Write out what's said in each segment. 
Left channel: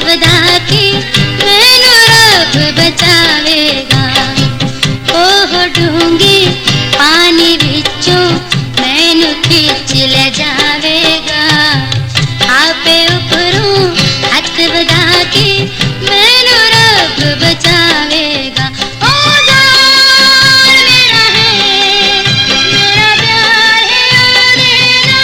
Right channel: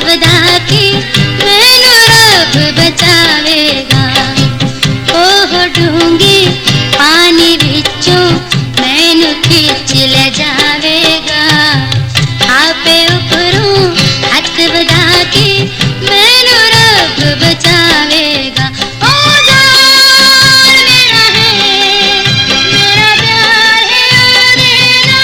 बधा के मैनू रब बचावेगा। ओह डूंगे पानी विचों मैनू खिच ले जावेगा। आपे उपरों हाथ बधा के मैनू रब बचावेगा। ओ जान मेरा है, मेरा प्यार है तेरा।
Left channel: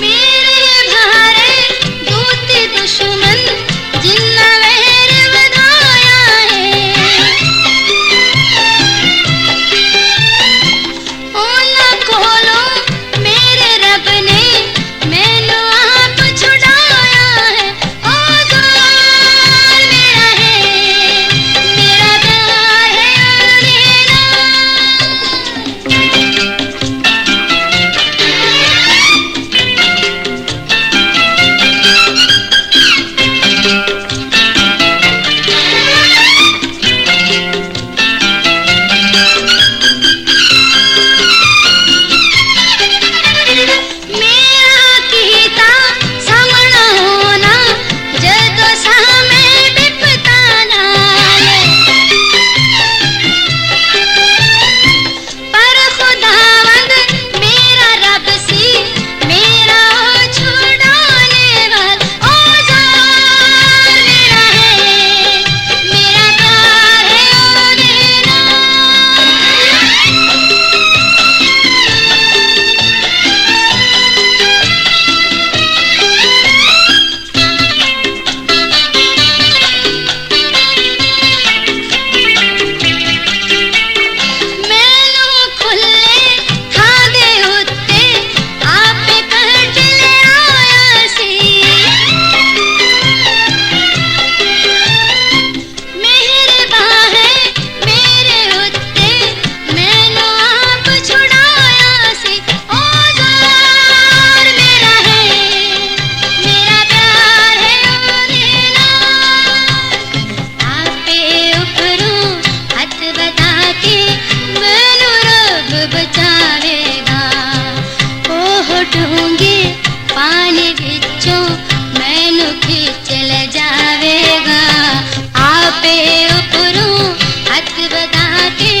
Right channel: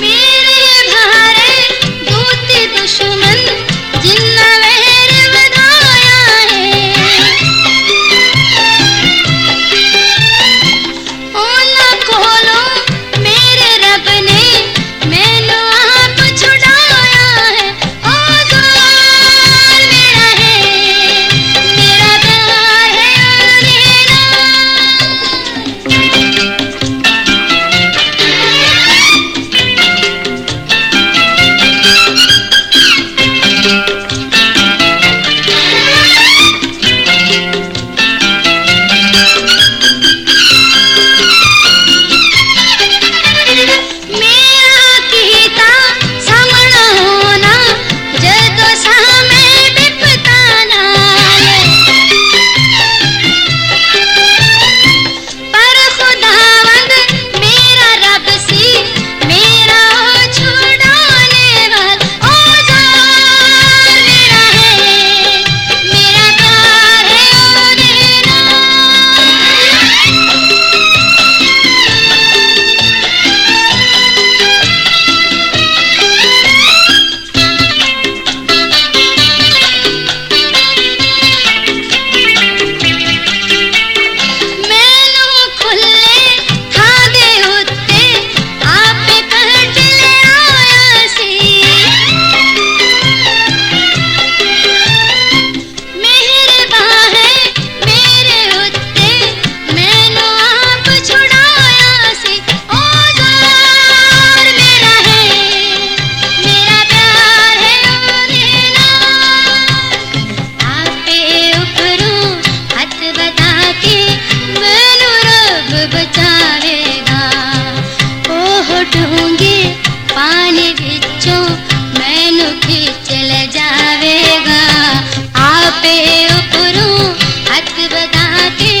मेरे भारे दूती दुश्मन जिन्ना वैर बधाया है। ओना कोलो मेरे रब ने मैनू आप छुड़ाया है। ओ जान मेरा है, मेरा प्यार है तेरा। मेरा कीता सामना होना जदों सामे विपता नाल। पर खुदावंद मेरा रब सी मेरा छुड़ाने वाला। ओ जान मेरा है, मेरा प्यार है तेरा। मैनू खुले थां दे उत्ते आपे कर्ज ले आया सी। मेहरबान है मेरे उत्ते मैनू आप छुड़ाया सी। ओ जान मेरा है, मेरा प्यार है तेरा। आपे उपरों हाथ बधा के मैनू रब बचावेगा। ओह डूंगे पानी विचों मैनू खिच ले जावेगा। आपे उपरों हाथ बधा के